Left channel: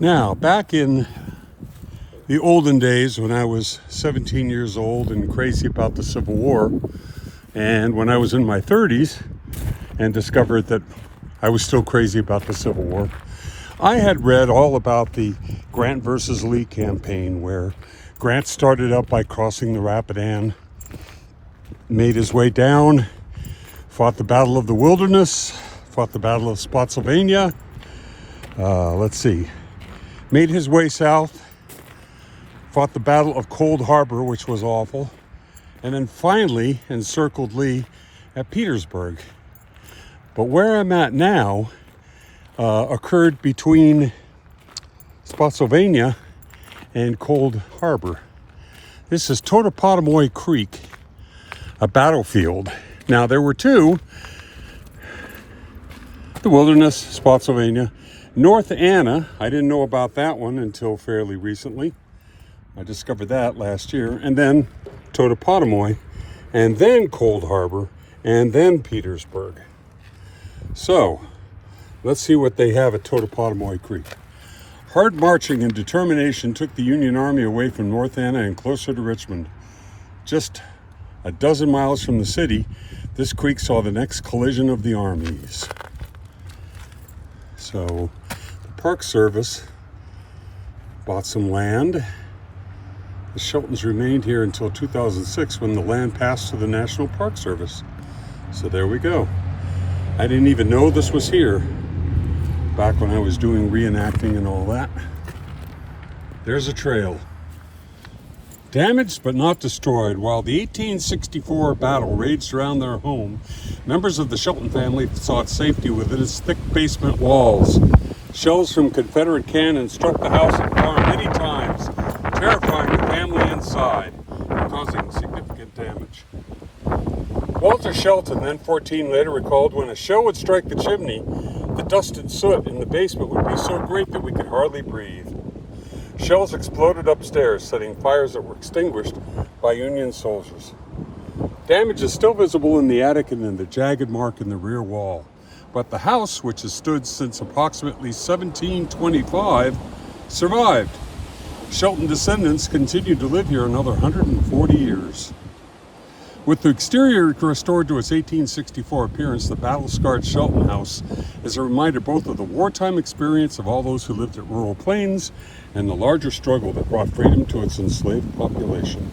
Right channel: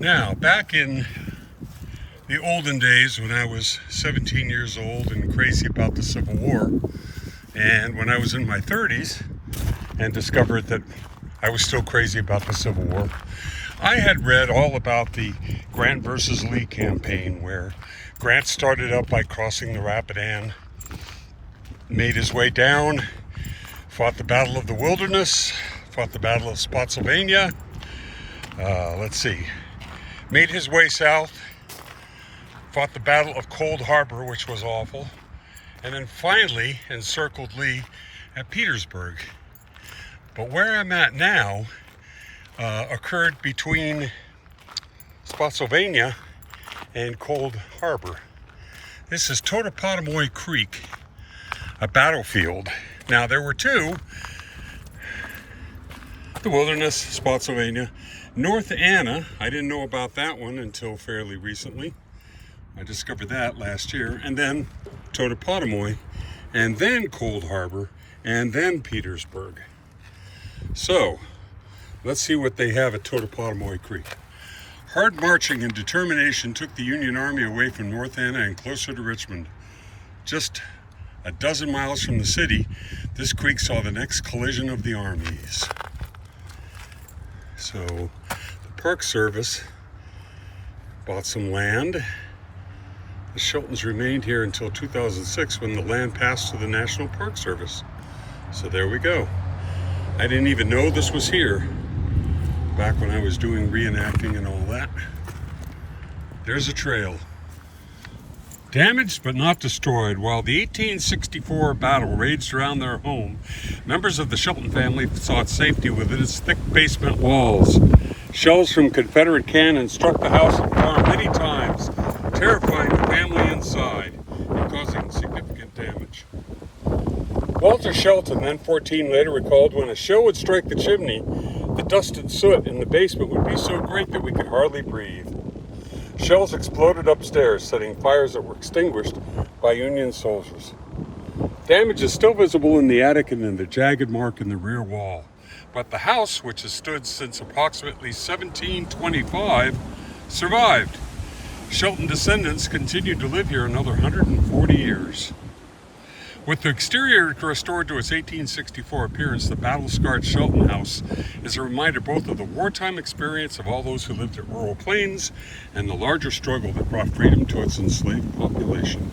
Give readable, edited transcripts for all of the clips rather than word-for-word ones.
Now, back in the olden days when I was 17 years old and crazy about the Civil War, and when I was in my 30s and discovered that I was still crazy about the Civil War, I had read all about the Grant versus Lee campaign, where Grant started out by crossing the Rapidan, made his way down, fought the Battle of the Wilderness, fought the Battle of Spotsylvania, made his way south, fought the Battle of Cold Harbor, which was awful, and then finally encircled Lee at Petersburg. But where I'm at now occurred between Spotsylvania and Cold Harbor. This is Totopotomoy Creek, a battlefield. Now, there were two: the Wilderness, Spotsylvania. North Anna, I didn't know about that one until fairly recently. I discovered that last year. And then Totopotomoy, and then Cold Harbor, and then Petersburg. So, let's see what they have at Totopotomoy Creek. Hard marching and determination took the Union Army away from North Anna and closer to Richmond. Just a dozen miles from the city, this creek saw the next collision of the armies. So, the Park Service bought some land. The Sheltons remained here until 2006, when the land passed to the National Park Service. So there we go. I didn't even know this was here back when I was doing reenacting and all that. There's a trail. Damaged but not destroyed. While the 1864 battle raged around their home, members of the Shelton family sought safety within its thick basement walls. Shells from Confederate cannons struck the house and farm many times, terrifying the family inside and causing significant damage. Walter Shelton, then 14, later recalled, when a shell would strike the chimney, the dust and soot in the basement would be so great that we could hardly breathe. Shells exploded upstairs, setting fires that were extinguished by Union soldiers. Damage is still visible in the attic and in the jagged mark in the rear wall. But the house, which has stood since approximately 1725, survived. Shelton descendants continued to live here another 140 years. With the exterior restored to its 1864 appearance, the battle-scarred Shelton House is a reminder both of the wartime experience of all those who lived at rural plains and the larger struggle that brought freedom to its enslaved population.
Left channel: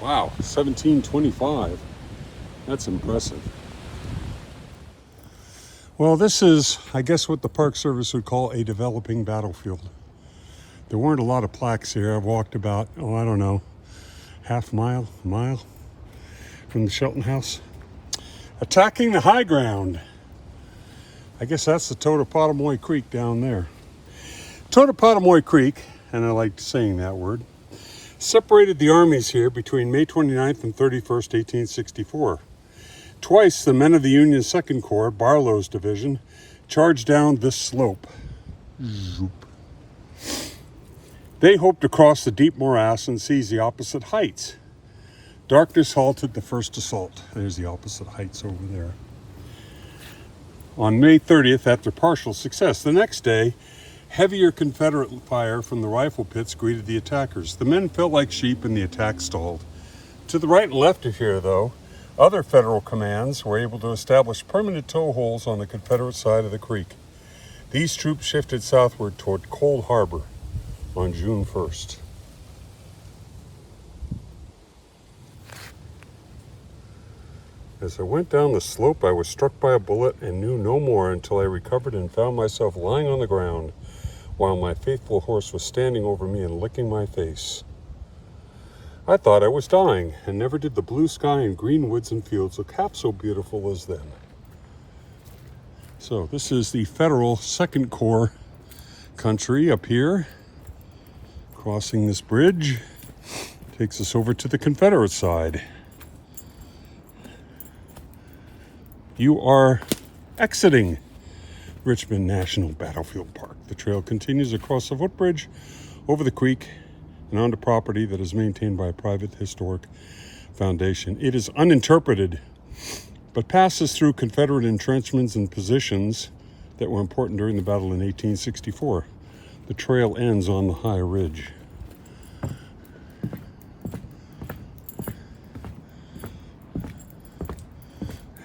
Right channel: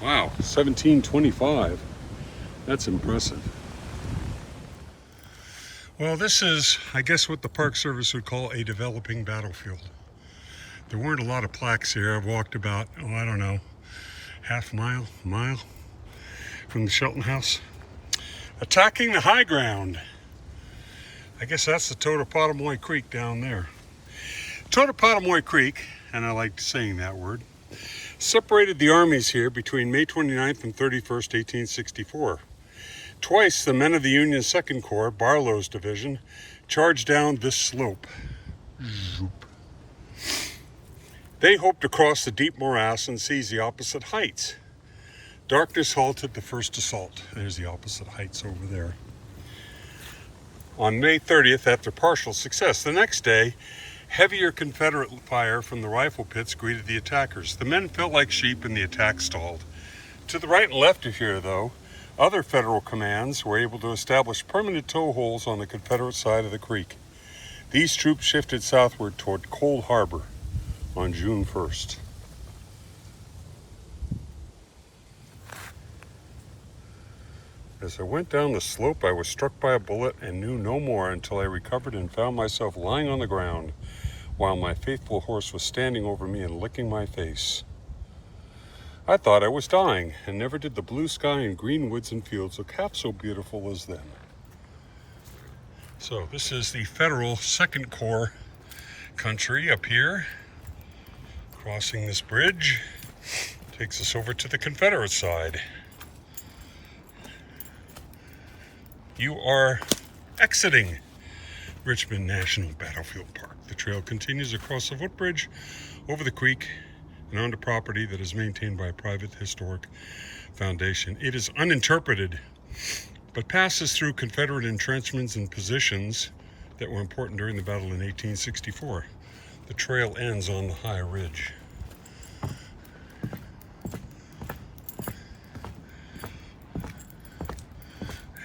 Wow, 1725. That's impressive. Well, this is, I guess, what the Park Service would call a developing battlefield. There weren't a lot of plaques here. I've walked about, half mile from the Shelton House. Attacking the high ground. I guess that's the Totopotomoy Creek down there. Totopotomoy Creek, and I like saying that word, separated the armies here between May 29th and 31st, 1864. Twice, the men of the Union 2nd Corps, Barlow's division, charged down this slope. They hoped to cross the deep morass and seize the opposite heights. Darkness halted the first assault. There's the opposite heights over there. On May 30th, after partial success, the next day, heavier Confederate fire from the rifle pits greeted the attackers. The men fell like sheep and the attack stalled. To the right and left of here, though, other Federal commands were able to establish permanent toe holes on the Confederate side of the creek. These troops shifted southward toward Cold Harbor on June 1st. As I went down the slope, I was struck by a bullet and knew no more until I recovered and found myself lying on the ground while my faithful horse was standing over me and licking my face. I thought I was dying, and never did the blue sky and green woods and fields look half so beautiful as then. So this is the Federal 2nd Corps country up here. Crossing this bridge takes us over to the Confederate side. You are exiting Richmond National Battlefield Park. The trail continues across the footbridge, over the creek, and onto property that is maintained by a private historic foundation. It is uninterpreted, but passes through Confederate entrenchments and positions that were important during the battle in 1864. The trail ends on the high ridge.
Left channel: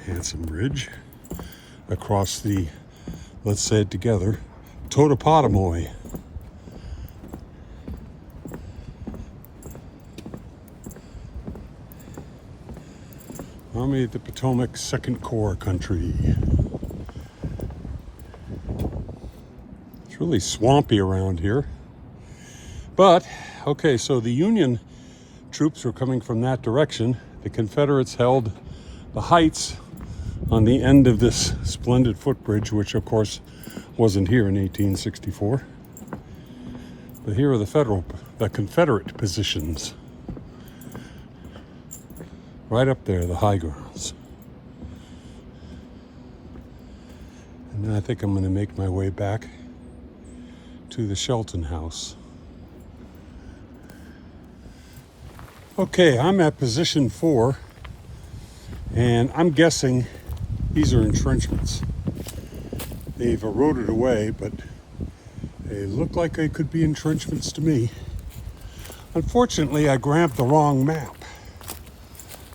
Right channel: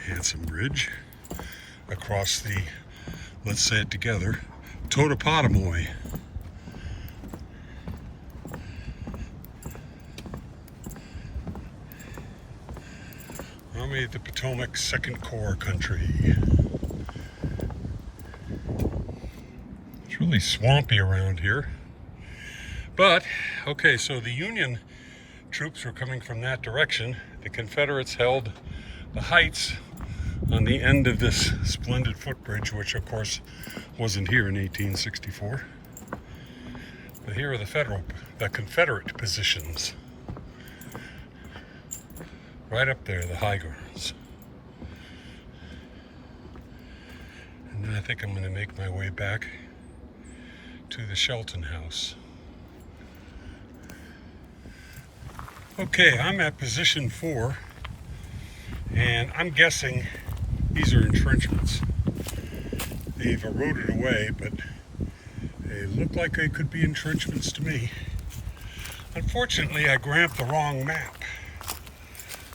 Handsome ridge across the, let's say it together, Totopotomoy. Army of the Potomac, 2nd Corps country. It's really swampy around here. But, okay, so the Union troops were coming from that direction. The Confederates held the heights on the end of this splendid footbridge, which of course wasn't here in 1864. But here are the Confederate positions. Right up there, the high grounds. And then I think I'm going to make my way back to the Shelton House. Okay, I'm at position 4, and I'm guessing these are entrenchments. They've eroded away, but they look like they could be entrenchments to me. Unfortunately, I grabbed the wrong map.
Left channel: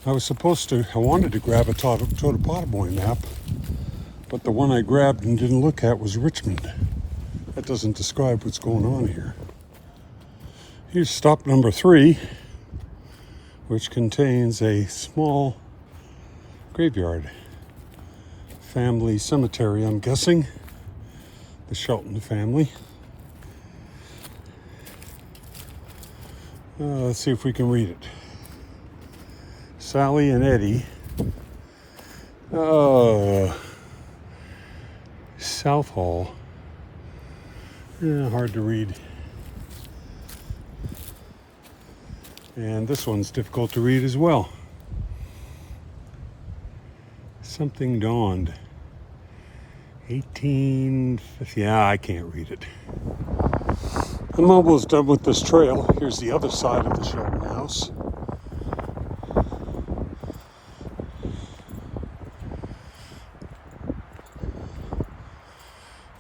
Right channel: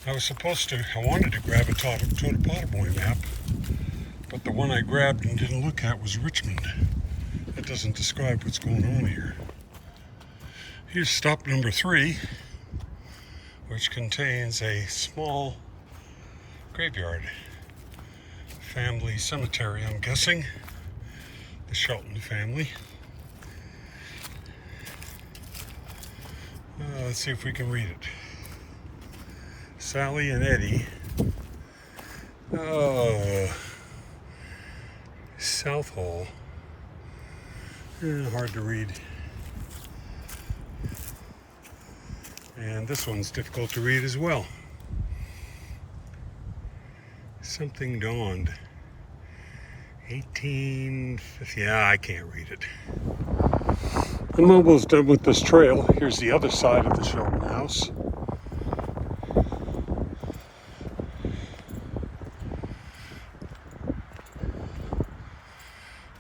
I wanted to grab a Totopotomoy map, but the one I grabbed and didn't look at was Richmond. That doesn't describe what's going on here. Here's stop number 3, which contains a small graveyard. Family cemetery, I'm guessing. The Shelton family. Let's see if we can read it. Sally and Eddie. Oh, South Hall. Yeah, hard to read. And this one's difficult to read as well. Something dawned. 1850. Yeah, I can't read it. I'm almost done with this trail. Here's the other side of the Shelton House.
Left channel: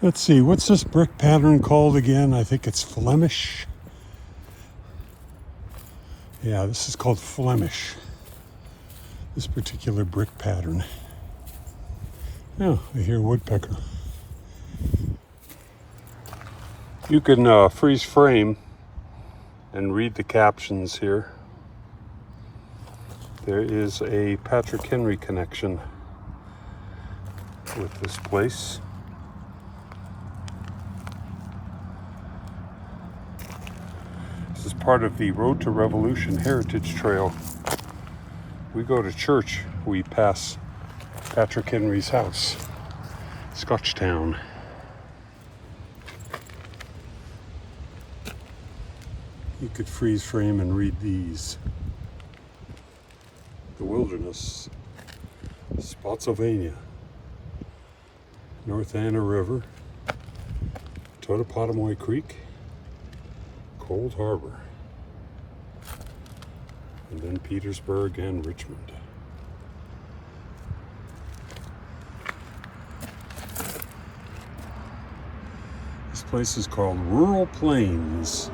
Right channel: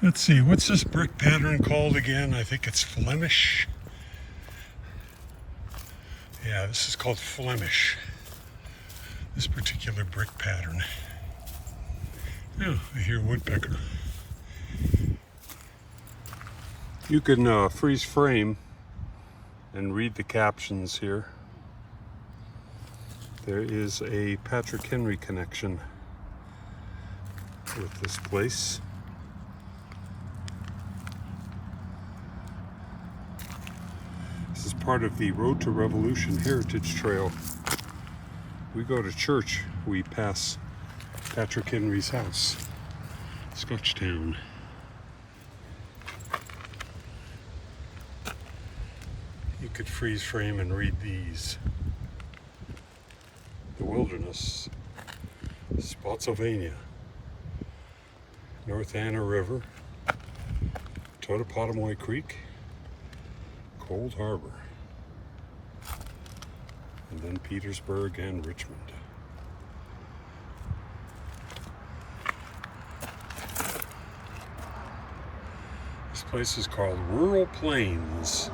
Let's see, what's this brick pattern called again? I think it's Flemish. Yeah, this is called Flemish. This particular brick pattern. Oh, I hear woodpecker. You can freeze frame and read the captions here. There is a Patrick Henry connection with this place. This is part of the Road to Revolution Heritage Trail. We go to church, we pass Patrick Henry's house, Scotchtown. You could freeze frame and read these. The Wilderness, Spotsylvania, North Anna River, Totopotomoy Creek, Cold Harbor, and then Petersburg and Richmond. This place is called Rural Plains.